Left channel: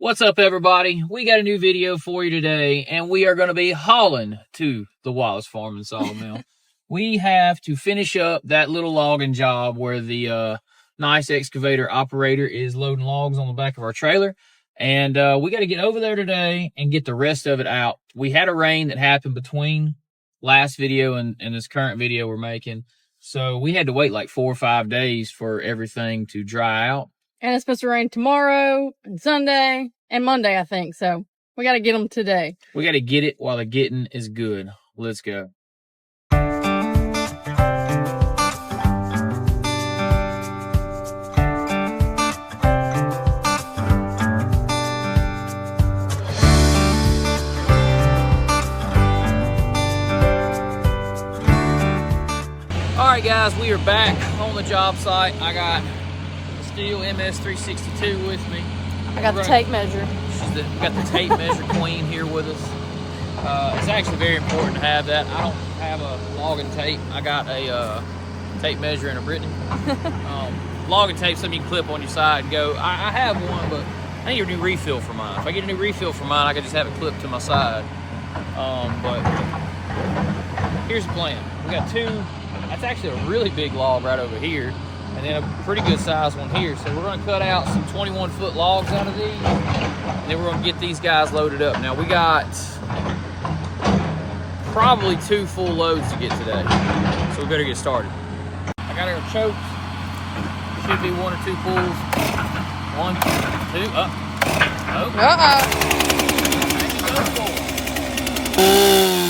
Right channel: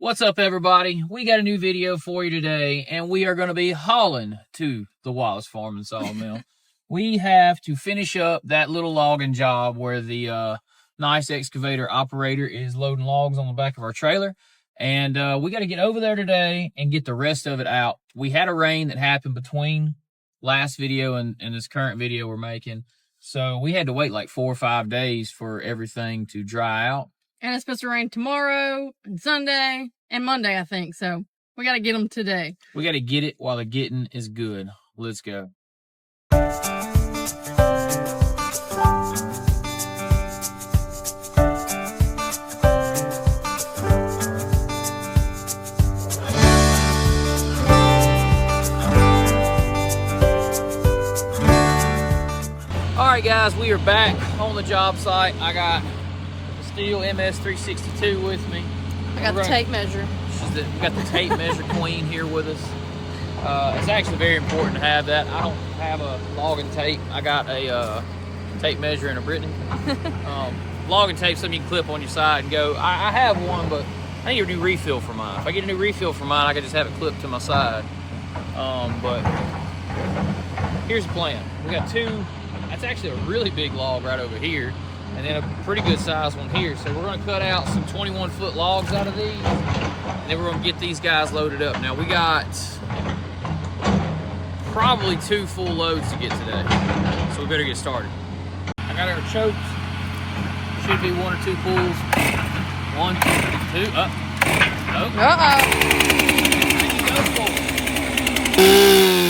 What's up, everybody? We got a new video for you today, and we are going to be hauling to the Wallace Farm and Sawmill. We have to finish up that little logging job where the nice excavator operator is loading logs on the back of our trailer, and we got to get over there today and get the rest of it out. We had a rain that happened between last video and this current video we're making, so we had to wait like 4 or 5 days for everything to dry out. And it's supposed to rain tomorrow and Sunday and Monday, I think. So we got to get them today. We got to get it while the getting is good. Let's go. All right, guys, we are back on the job site. I got Steel MS 362 with me. I got the tape measure. We got the tape measure queen here with us. It's actually very important to have that. I don't have a logging tape. I got a tape measure and a Brittany. Logging tape, something you can clip on your side and go. I have one, but I need a new refill for mine. If I get a new refill for mine, I can just have it clipped to my side. But here's the plan. We got two. That's actually a really big log right over here, and then a pretty good sized one here. So we're gonna cut out some 21-foot logs out of these, and then we're gonna get these guys loaded up. Now we got probably 2 full loads to get today, so we better get started. I got our chokes. Should be 1 or 2 pulls. 1, 2, up. Oh. Go for it.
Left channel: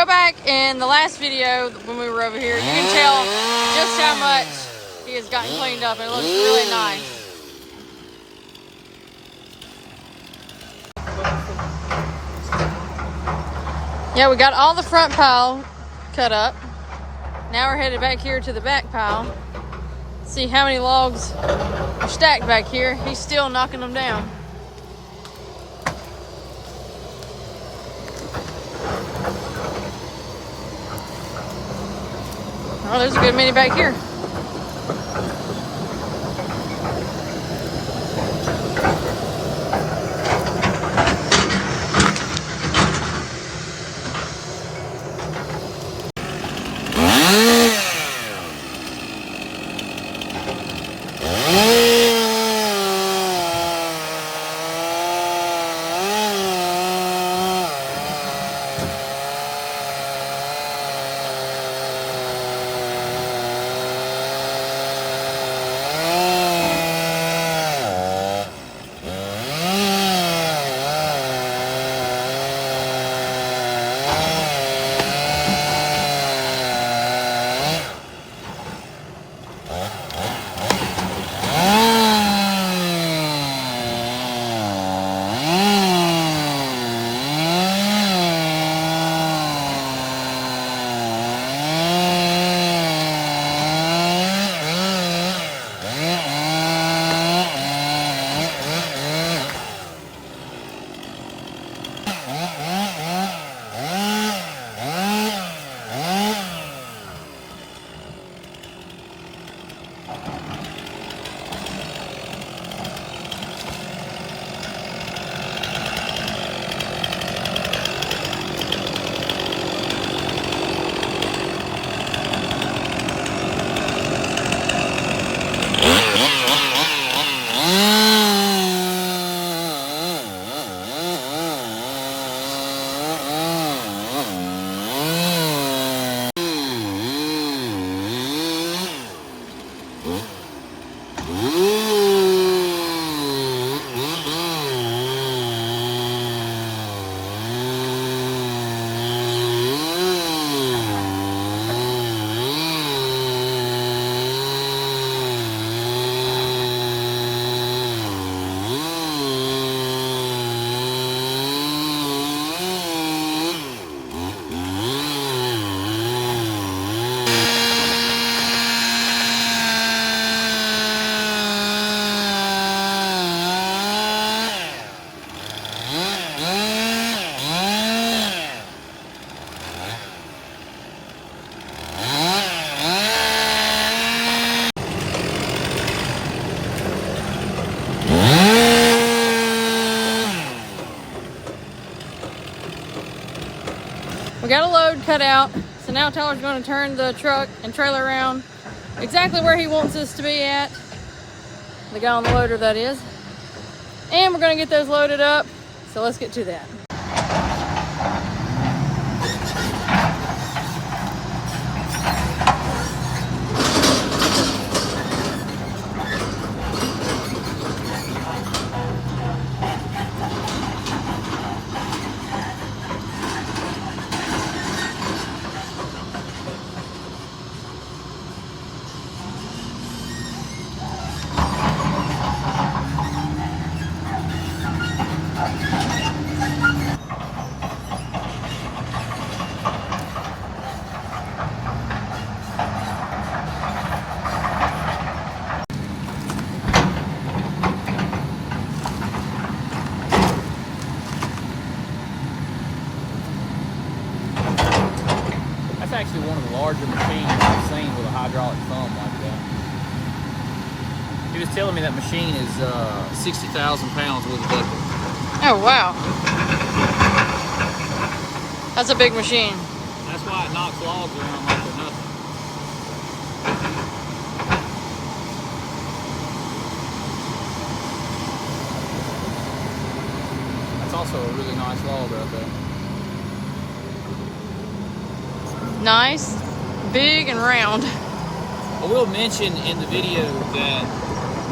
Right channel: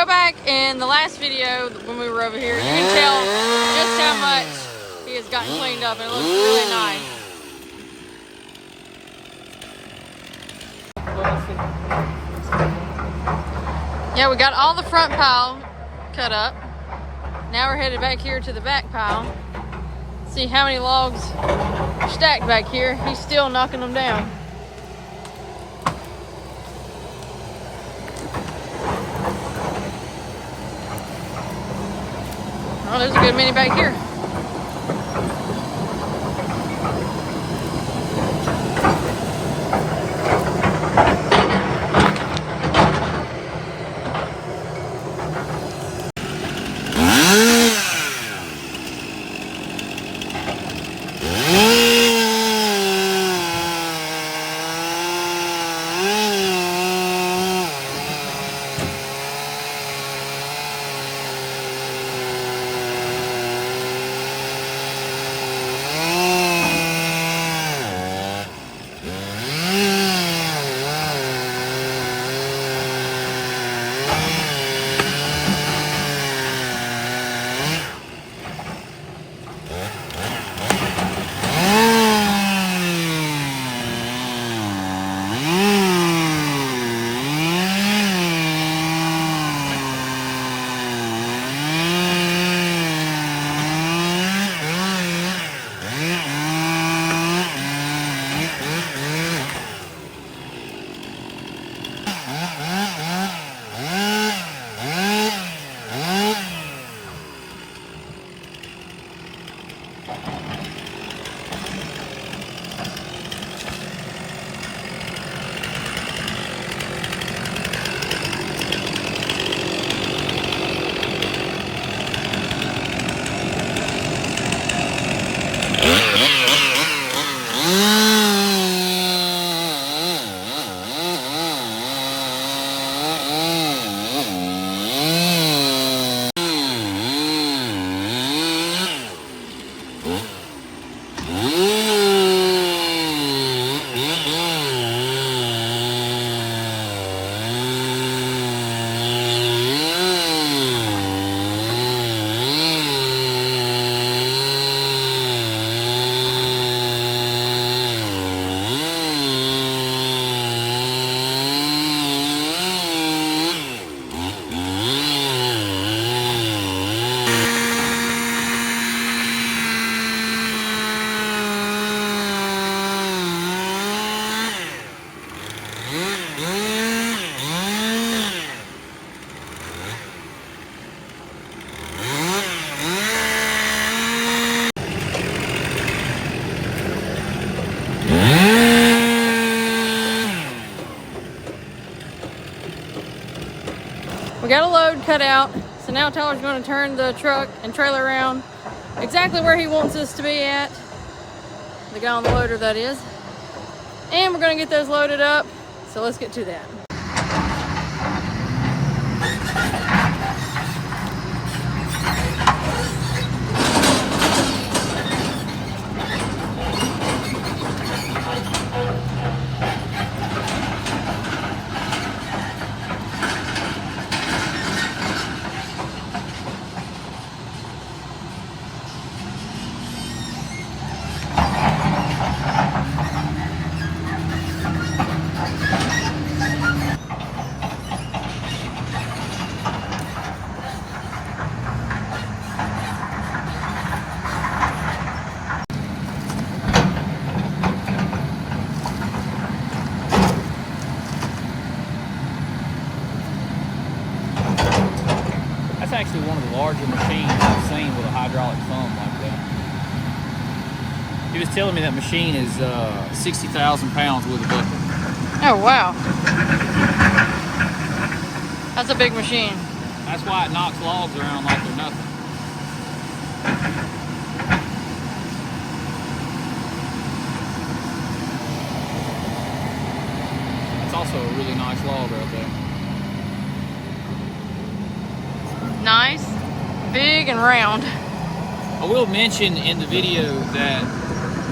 go back in the last video when we were over here, you can tell just how much he has gotten cleaned up, and it looks really nice. Yeah, we got all the front pile cut up. Now we're headed back here to the back pile. See how many logs are stacked back here. He's still knocking them down. Oh, there's a good many back here. We got a load cut out, so now Tyler's going to turn the truck and trailer around exactly where he wants us to be at. The guy on the loader, that is. And we're going to get those loaded up, so let's get to that. Telling me that machine is 60,000 pounds with a bucket. Oh, wow. That's a big machine. That's why it knocks logs around like they're nothing. It's also a really nice log right there. Nice, big, and round. I will mention in the video that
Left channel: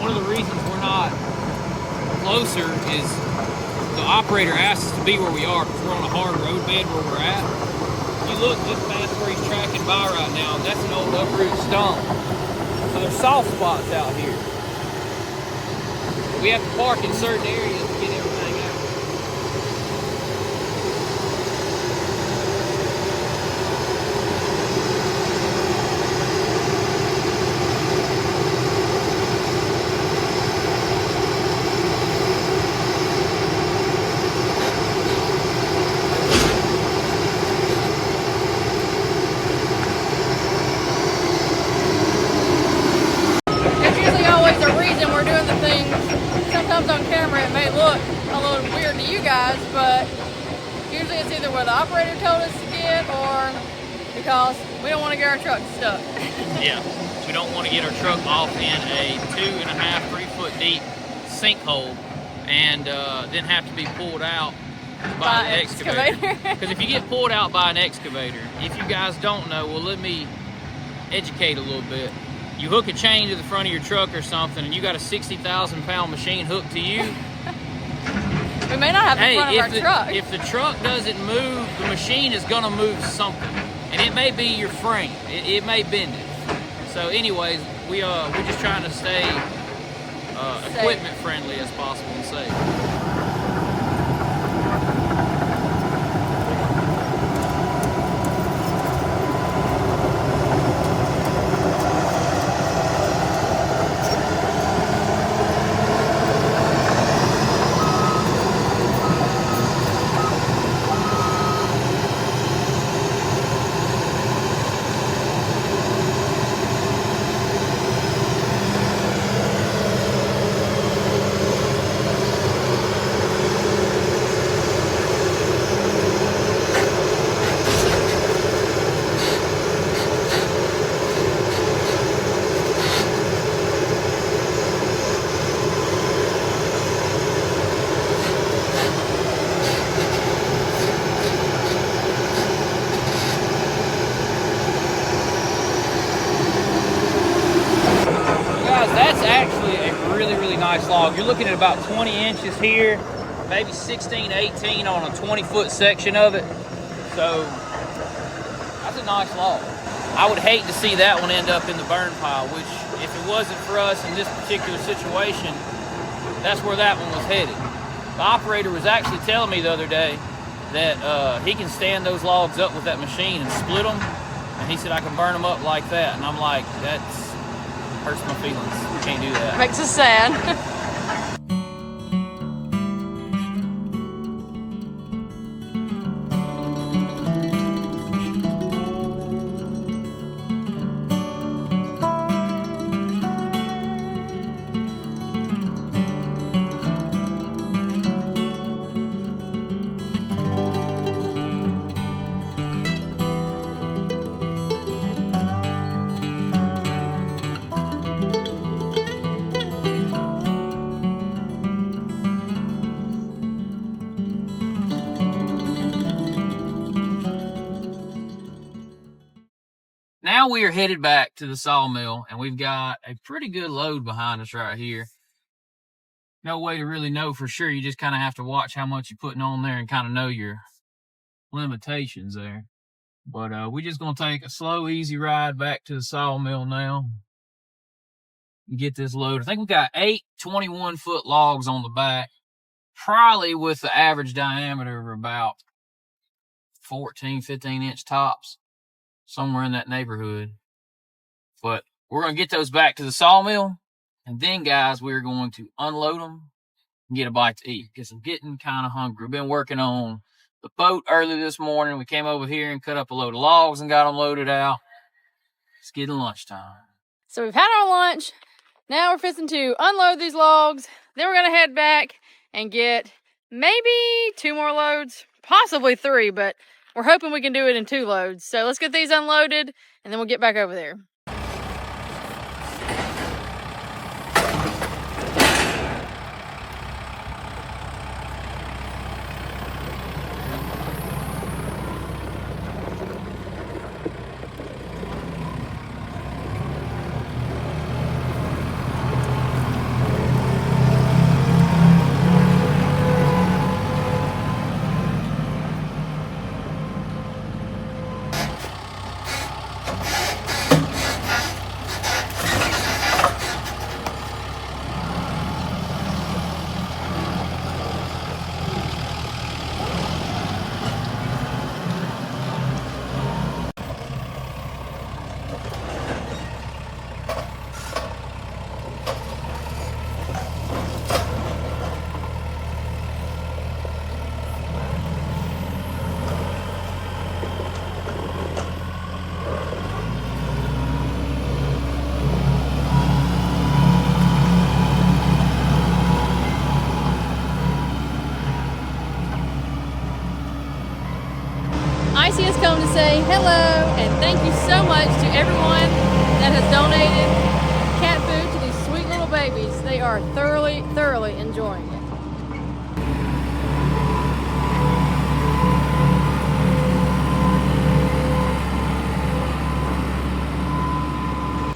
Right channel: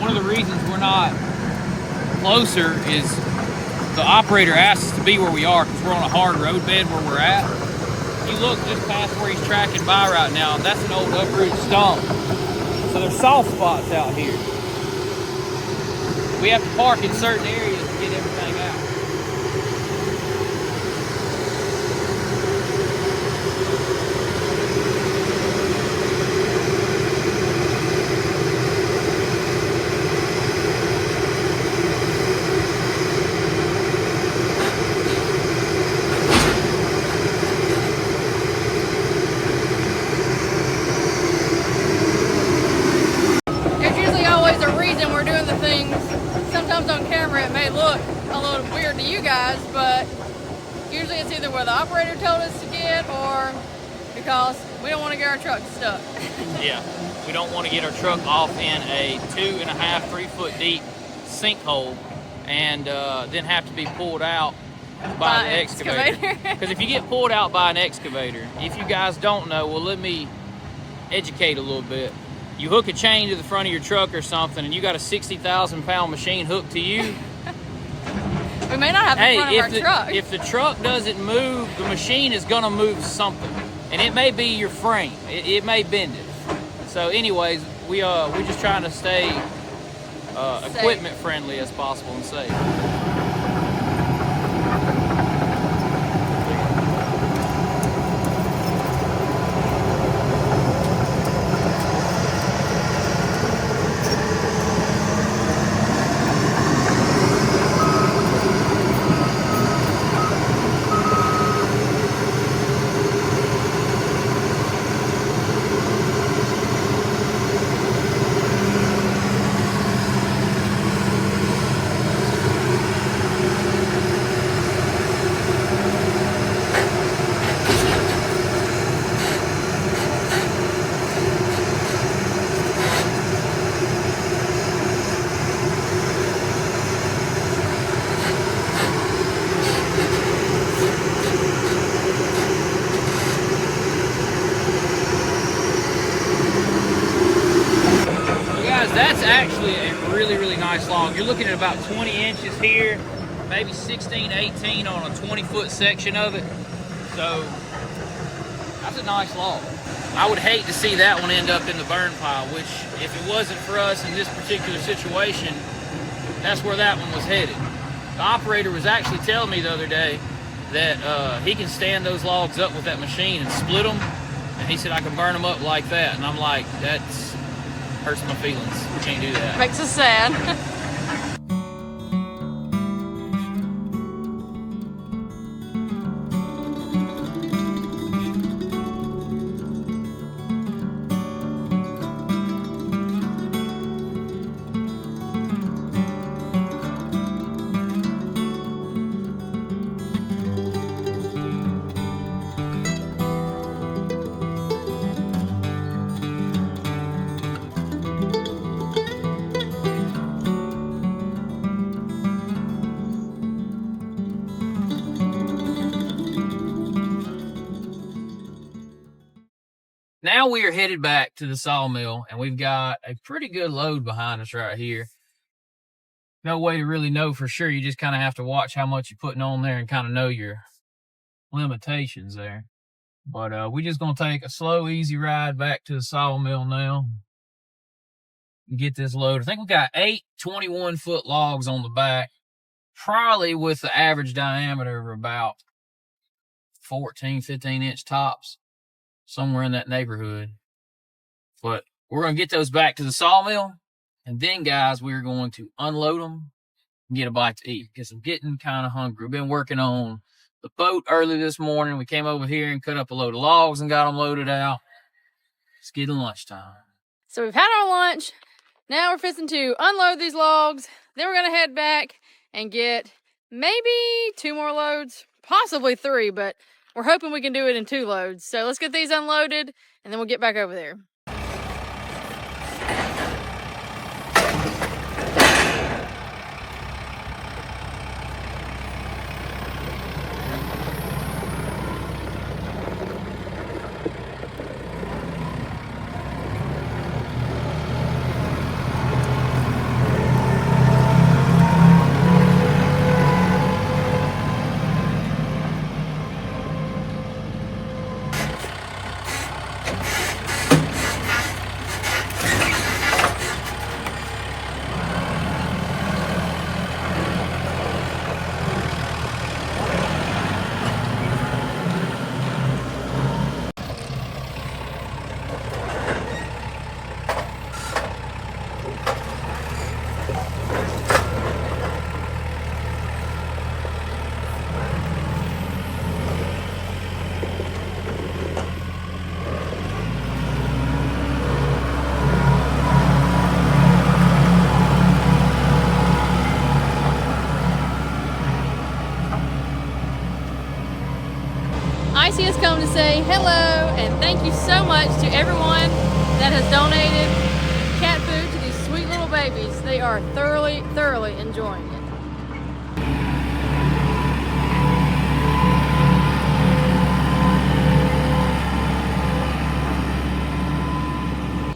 one of the reasons we're not closer is the operator asked us to be where we are because we're on a hard road bed where we're at. you look just past where he's tracking by right now, that's an old uprooted stone. So there's soft spots out here. We have to park in certain areas to get everything out. There's usually always a reason we're doing the things. Sometimes on camera it may look a little weird to you guys, but usually it's either where the operator told us to get or because we don't want to get our truck stuck. Yeah, we don't want to get our truck off in a 2.5, 3 foot deep sinkhole and then have to be pulled out by an excavator. Because if you get pulled out by an excavator, if you guys don't know, well, let me educate a little bit. You hook a chain to the front of your truck or something, and you got a 60,000-pound machine hooked to you. We may not have the front of our truck. If the truck doesn't move, the machine is going to move something. And it may be your frame. It may bend it. So anyways, we're just trying to stay equipment friendly as possible and safe. That's actually a really nice log. You're looking at about 20 inches here, maybe 16, 18 on a 20-foot section of it. So that's a nice log. I would hate to see that one end up in the burn pile, which if it wasn't for us in this particular situation, that's where that one was headed. The operator was actually telling me the other day that he can stand those logs up with that machine and split them. And he said, I can burn them up like that. And I'm like, that's hurts my feelings. We can't do that. Makes us sad. Now we are headed back to the sawmill, and we've got a pretty good load behind us right here. No way to really know for sure. You just kind of have to watch how much you're putting on there and kind of know your limitations there. But we're just going to take a slow, easy ride back to the sawmill now and get this load. I think we got 8 21-foot logs on the back, probably with the average diameter of about 14, 15-inch tops. Somewhere in that neighborhood. But we're going to get those back to the sawmill. And then, guys, we're going to unload them and get a bite to eat. Because I'm getting kind of hungry. We've been working on the boat early this morning. We came over here and cut up a load of logs and got them loaded out. It's getting lunchtime. So we've had our lunch. Now we're fixing to unload these logs. Then we're going to head back and get maybe 2 more loads. Possibly 3, but we're hoping we can do it in 2 loads. So let's get these unloaded, and then we'll get back over there. Casey has come to say hello and thank you so much to everyone that has donated cat food to these sweet little babies. They are thoroughly enjoying it.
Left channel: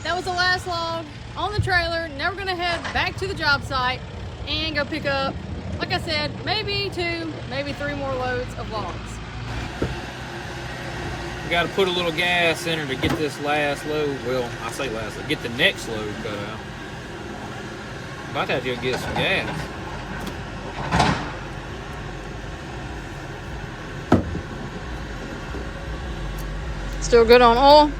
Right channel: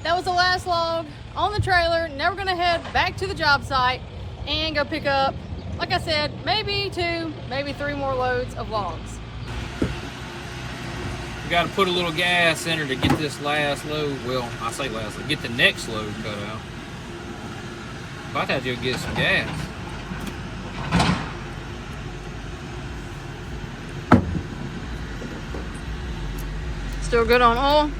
That was the last log on the trailer. Now we're gonna head back to the job site and go pick up, like I said, maybe 2, maybe 3 more loads of logs. We got to put a little gas in her to get this last load. Well, I say last load, get the next load cut out. About to have to go get some gas. Still good on oil?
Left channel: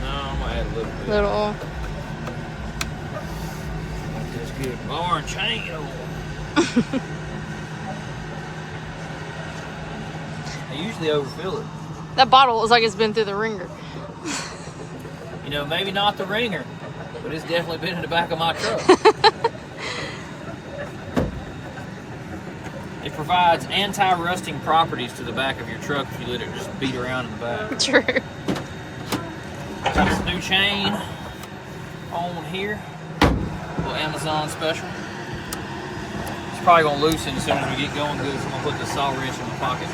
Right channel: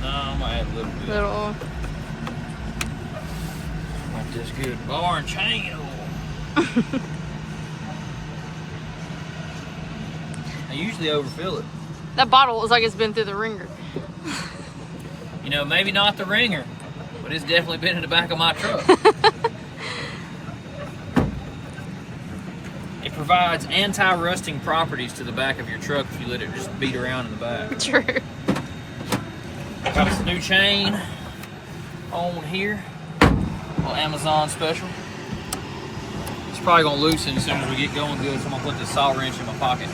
No, I'm gonna add a little bit. Little oil. Like this good bar and chain oil. I usually overfill it. That bottle looks like it's been through the ringer. You know, maybe not the ringer, but it's definitely been in the back of my truck. It provides anti-rusting properties to the back of your truck if you let it just beat around in the back. True. Got us a new chain on here. A little Amazon special. It's probably gonna loosen as soon as we get going good, so I'm gonna put this saw wrench in my pocket.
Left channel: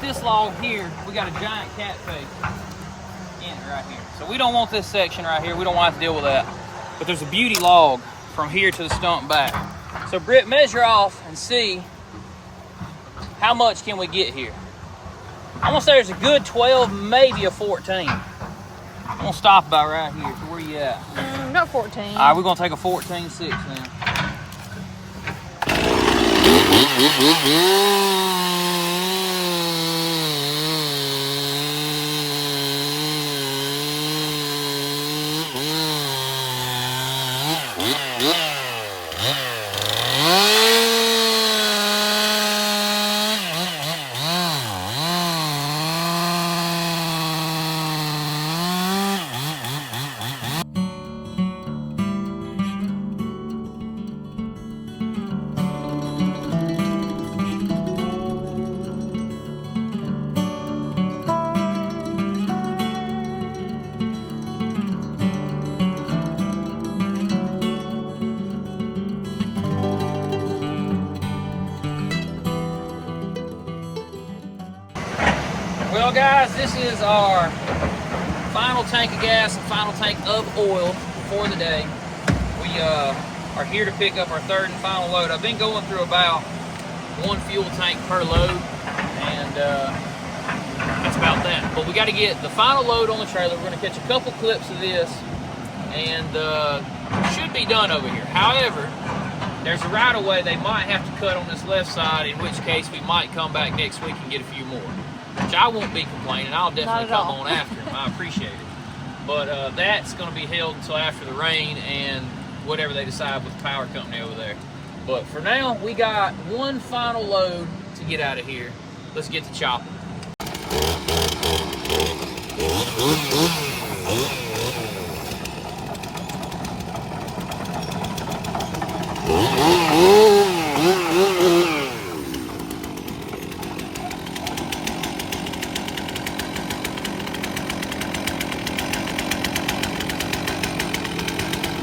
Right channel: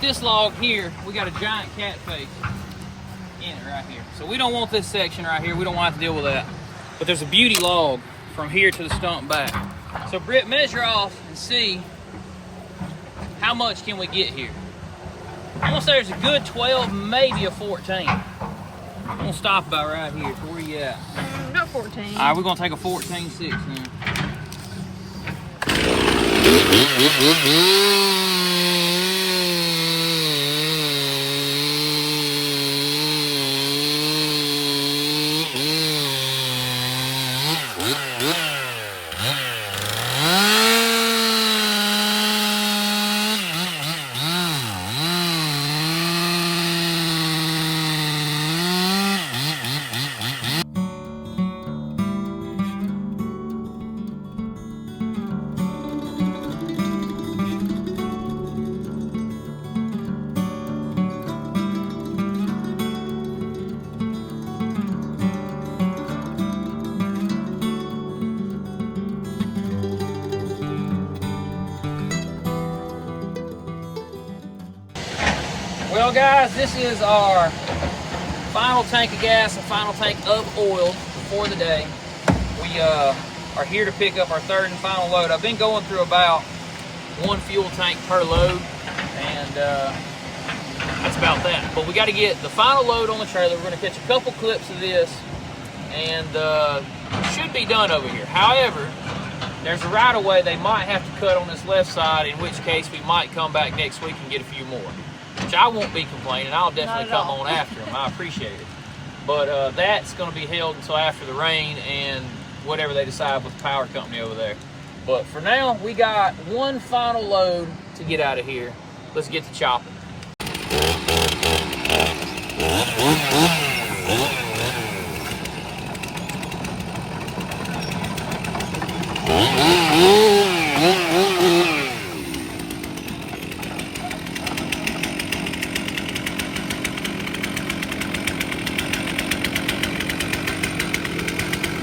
This log here, we got a giant cat face in it right here. So we don't want this section right here. We don't want to deal with that. But there's a beauty log from here to the stump back. So Britt, measure off and see how much can we get here. I'm gonna say there's a good 12, maybe a 14. I'm gonna stop about right here. So where you at? Not 14. All right, we're gonna take a 14.6 here. Well guys, this is our final tank of gas and final tank of oil for the day. We are here to pick up our third and final load. I've been going through about 1 fuel tank per load, and that's about that. But we got to get the final load on the trailer. We're going to catch a couple clips of this and should be done over here. However, there's a right of way they might have to cut on this left side, in which case we might come back next week and get a few more, which I won't be complaining. I'll definitely come on after them. I appreciate it. But that's going to be held until after the rain and whatever they decide with the power company over there. But for now, we got one final load to get out of here. Let's get to chopping.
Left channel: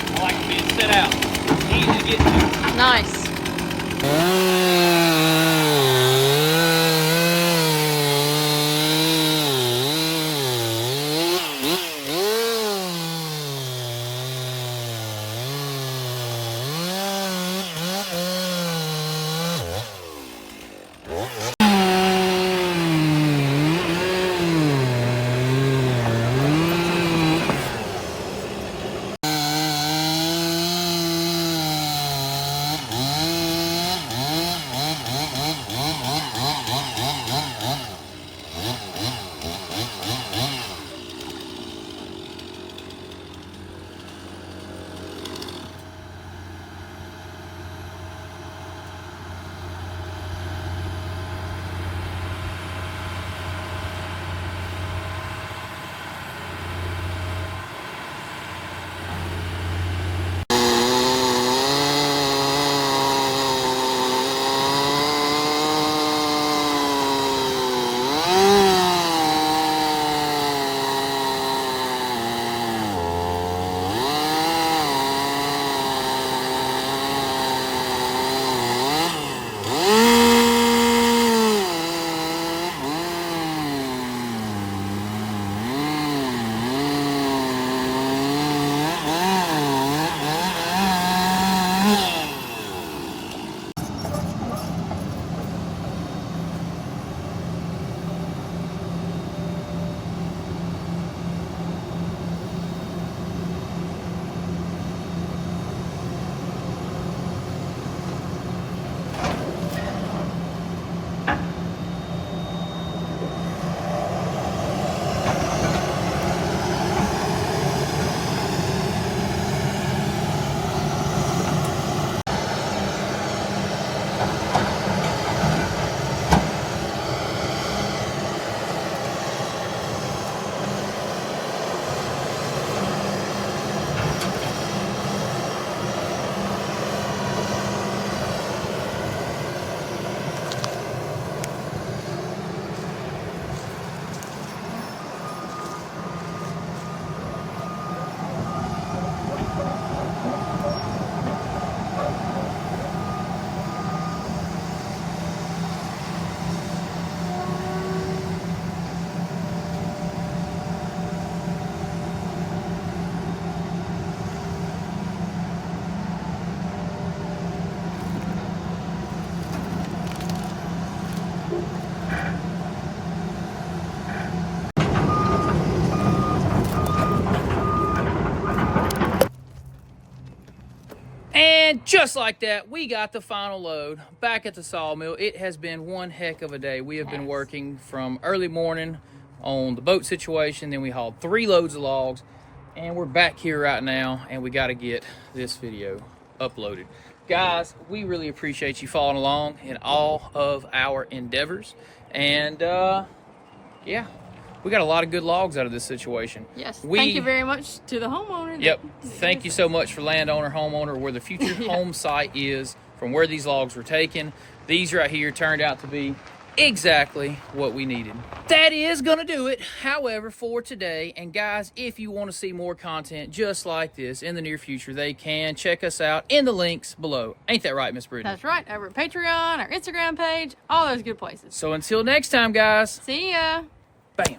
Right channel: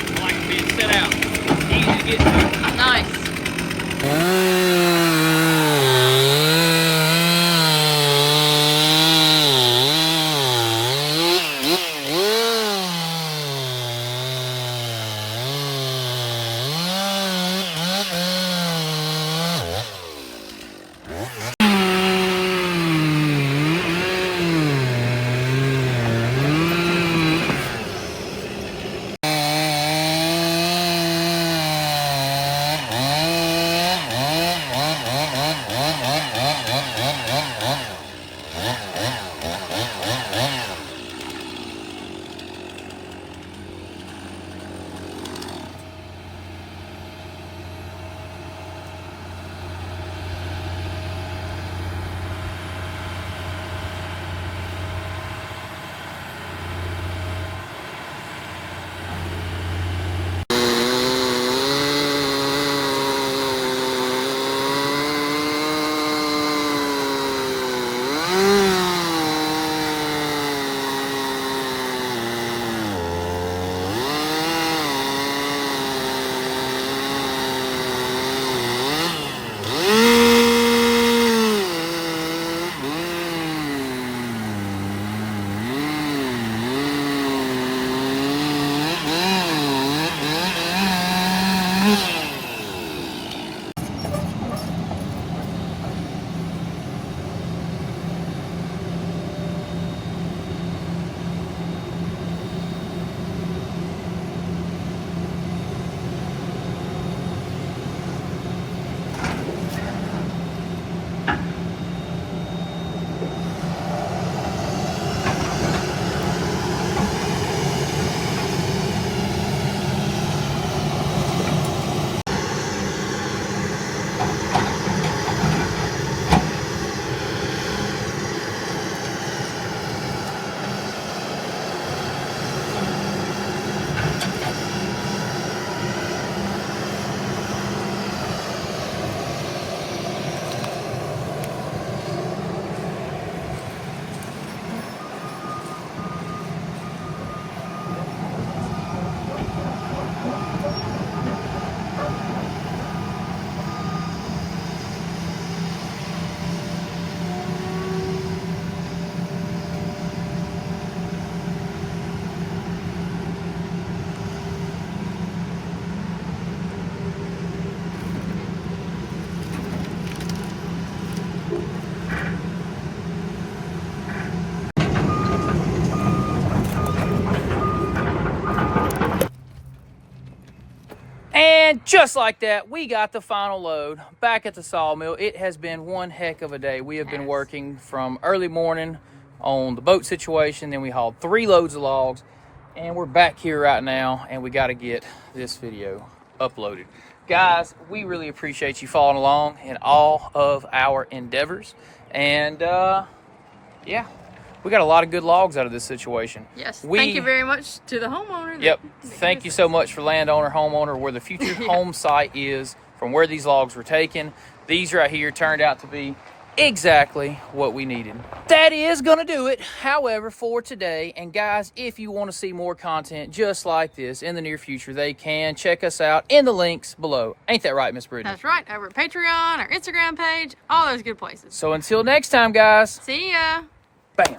I like being set out. It's easy to get to. Nice. And just like that, we got the final load back at the sawmill. It has been one heck of a day. We have been working from early morning on the boat situation. Then we hauled 3 loads of logs. And we're back here right now. And we got to get this video uploaded. Guys, we really appreciate you following along in all of our endeavors. And yeah, we got a lot of good logs out of this situation. Yes, thank you very much to the homeowner. Yep, thank you so much for landowner, homeowner, where the future home site is, from where these logs were taken. These right here turned out to be exactly what we needed. That is gonna do it, however, for today. And guys, if you want to see more content just like this in the near future, they can check us out in the links below. Ain't that right, Miss Brittany? That's right, over at Patreon, our Instagram page, all those good places. So until next time, guys. See ya. Bam.